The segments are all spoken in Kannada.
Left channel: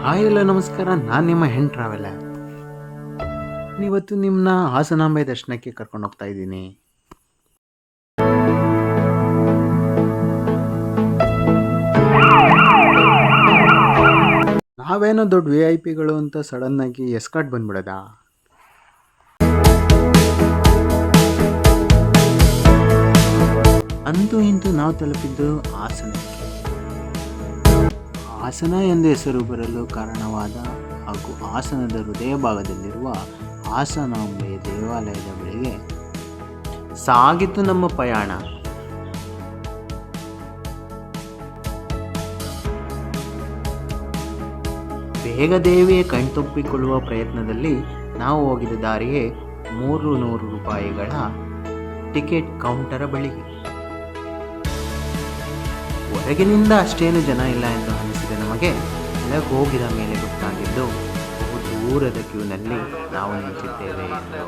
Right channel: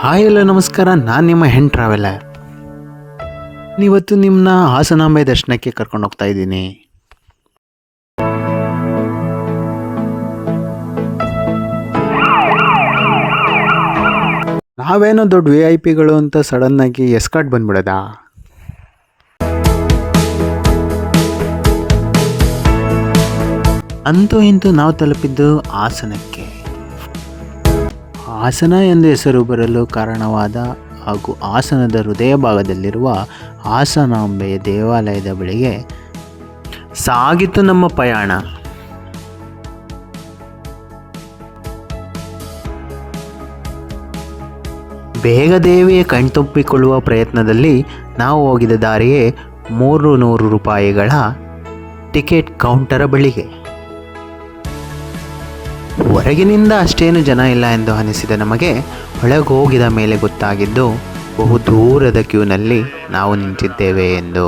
ಹಾಯ್ ಎಲ್ಲ ನಮಸ್ಕಾರ, ನಾನು ನಿಮ್ಮ ಹೆಣ್ ಟ್ರಾವೆಲರ್. ಇವತ್ತು ನಿಮ್ಮನ್ನ ಹಾಸನಾಂಬೆ ದರ್ಶನಕ್ಕೆ ಕರ್ಕೊಂಡು ಹೋಗ್ತಾ ಇದ್ದೀನಿ. ನಾವೇನೋ ದೊಡ್ಡ VIP ಅಂತ ಸಡನ್ನಾಗಿ ಎಸ್ಕಾರ್ಟ್ ಬಂದ್ಬಿಡೋದ? ಅಂತೂ ಇಂತೂ ನಾವು ತಲುಪಿದ್ದು ಹಾಸನಕ್ಕೆ. ಹಾಸನ ಎಂದು ಹೆಸರು ಬರಲು ಕಾರಣವಾದ ಹಾಗೂ ಹಾಸನದ ಹೃದಯ ಭಾಗದಲ್ಲಿರುವ ಹಾಸನಾಂಬೆಯ ದೇವಾಲಯದ ಬಳಿಗೆ ಸಾಗಿತು ನಮ್ಮ ಪಯಣ. ಬೇಗ ದೇವಿಯ ಕಣ್ತೊಪ್ಪಿಕೊಳ್ಳುವ ಪ್ರಯತ್ನದಲ್ಲಿ ನಾವು ಹೋಗಿದ ದಾರಿಯೇ 300 ರೂಪಾಯಿಗಳ ಟಿಕೆಟ್ ಕೌಂಟರ ಬಳಿಗೆ. ಹೊರಗಿನಿಂದ ಅಷ್ಟೇನು ಜನ ಇಲ್ಲ ಎಂದು ಅನಿಸಿದ ನಮಗೆ ಒಳಗೆ ಹೋಗಿದ ಮೇಲೆ ಗೊತ್ತಾಗಿದ್ದು ಬಹು ದೂರದ ಕ್ಯೂನಲ್ಲಿ ನಾವು ನಿಂತಿದ್ದೇವೆ ಎಂದು.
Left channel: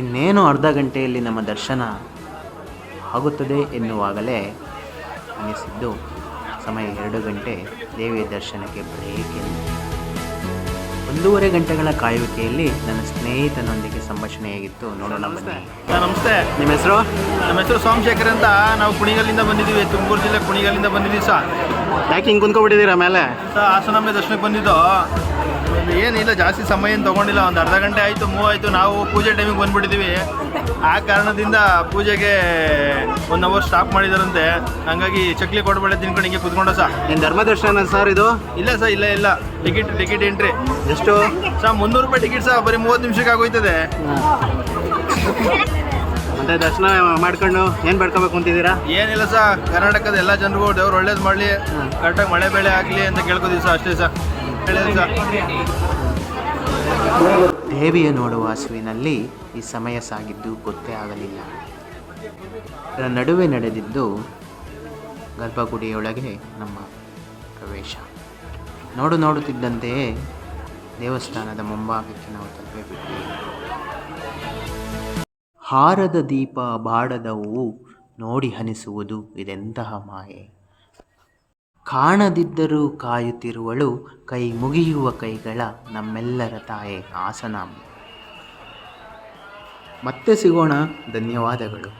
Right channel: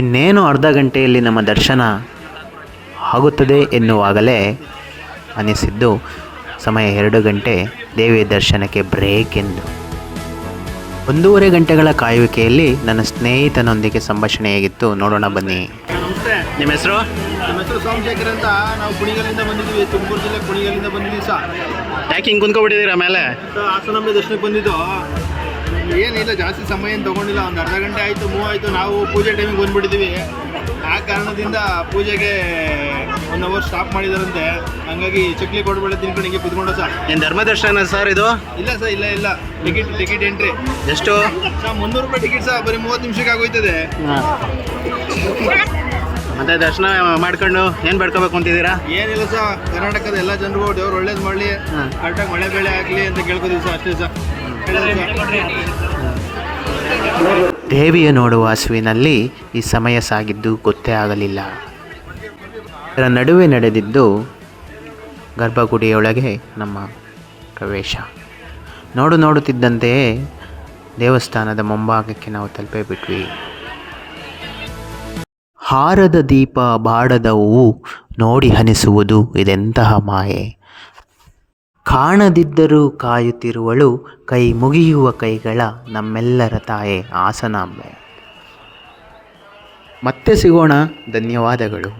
ಇನ್ನೇನು ಅರ್ಧ ಗಂಟೆಯಲ್ಲಿ ನಮ್ಮ ದರ್ಶನ ಆಗುತ್ತದೆ ಎನ್ನುವಾಗಲೇ ಅನಿಸಿದ್ದು ಸಮಯ 2 ಗಂಟೆ ದೇವಿಯ ದರ್ಶನಕ್ಕೆ ಬ್ರೇಕ್ ಎಂದು. 1.5 ಗಂಟೆಗಳ ಕಾಯುವಿಕೆಯಲ್ಲಿ ನನ್ನ ಸ್ನೇಹಿತನೊಂದಿಗೆ ಸಂಭಾಷಣೆ ಹೇಗಿತ್ತು ನೋಡೋಣ ಬನ್ನಿ. ನಮಸ್ತೆ. ನಿಮ್ಮ ಹೆಸರು? ನಮ್ಮ ಹೆಸರು ಸೋಮಶೇಖರ್ ಅಂತ. ನಾವು ಕುಣಿಗಲಿಂದ ಬಂದಿದ್ದೀವಿ, ತುಮಕೂರು ಜಿಲ್ಲೆ ಕುಣಿಗಲಿಂದ ಬಂದಿದ್ದೀವಿ ಸರ್. ಯಾಕೆ ಹಿಂಗೆ ಕುಂತ್ಕೊಬಿಟ್ಟಿದ್ದೀರಾ ಮೇಲೆ? ಸರ್ ಹಾಸನಾಂಬೆ ದರ್ಶನಕ್ಕೆ ಬಂದಿದ್ದು. ಏನಿಲ್ಲ, ಜಾಸ್ತಿ ಸಮಯ ಏನು ತೊಗೊಂಡಿಲ್ಲ, ಒಂದು ಅರ್ಧ ಗಂಟೆ ಆಯಿತು, ಮೂವ್ ಆಯಿತು. ನಾವು ಪೂಜೆ ಟೈಮಿಗೆ ಬಂದುಬಿಟ್ಟಿದ್ದೀವಿ. ಆ ಕಾರಣದಿಂದ ಪೂಜೆಗೆ 1 ಅವರ್ ಸ್ಟಾಪ್ ಮಾಡಿದಾರಂತೆ. ಹಂಗಾಗಿ ಚಕ್ಲಿ ಕೊಡಬೇಡ ತಿನ್ಕೊಂಡು ಹಿಂಗೆ ಕುತ್ಕೊಂಡ ಸರ್. ಏನು ಧರ್ಮ ದರ್ಶನ ಸರ್ ಇದು? ಇಲ್ಲ ಸರ್, ಇಲ್ಲ ಟಿಕೆಟ್ ಎಂಟ್ರಿ ಎಷ್ಟು ಸರ್? 300 ರೂಪಾಯಿ ಟಿಕೆಟ್ ಸರ್. ಬರೀ 30 ನಿಮಿಷಕ್ಕೆ ಆಗೋಯ್ತದೆ. ಮತ್ತೆ ದರ್ಶನ ಮಾಡ್ಕೊಂಡು ಏನು ಬೇಡ್ಕೋಬೇಕು ಅಂತಿದ್ದೀರಾ? ಏನಿಲ್ಲ ಸರ್, ಕರ್ನಾಟಕದ ಎಲ್ಲ ಜನರಿಗೂ ದೇವ್ರು ಒಳ್ಳೇದು ಮಾಡಲಿ, ಕರೆಕ್ಟಾಗಿ ಮಳೆ ಬೆಳೆ ಆಗಲಿ ಅಂತ ಕೇಳ್ಕೊತೀವಿ ಸರ್, ಅಷ್ಟೇ ಸರ್. ದೇವಿಯ ನೋಡುವ ಹಸುವಿನಲ್ಲಿ ಈ ಸಮಯ ಸಾಗಿದ್ದು ಗೊತ್ತೇ ಆಗಲಿಲ್ಲ. ಇದರ ನಡುವೆ ನಡೆದಿದ್ದು ಗರ್ಭಗುಡಿಯೊಳಗೆ ನಮ್ಮ ಪ್ರವೇಶ. ನೋಡುತ್ತಿದ್ದಂತೆಯೇ ದೇವಸ್ಥಾನದ ಮುಂಭಾಗಕ್ಕೆ ನಾವು ತಲುಪೇ ಬಿಟ್ವಿ. ಹಾರದ ದೀಪ ಬಾಡದ ಹೂವು ನೋಡಿ ಅನಿಸುವುದು ಇದೆಂತಹ ಮಾಯೆ. ಕಾಣದಿದ್ದರೂ ಕಾಯುತ್ತಿರುವಳು, ಕೈ ಮುಗಿಯುವ ಕೈಗಳ ನಮ್ಮೆಲ್ಲರ ತಾಯೆ ಹಾಸನಾಂಬೆ. ಮತ್ತೆ ಸಿಗೋಣ. ಧನ್ಯವಾದಗಳು.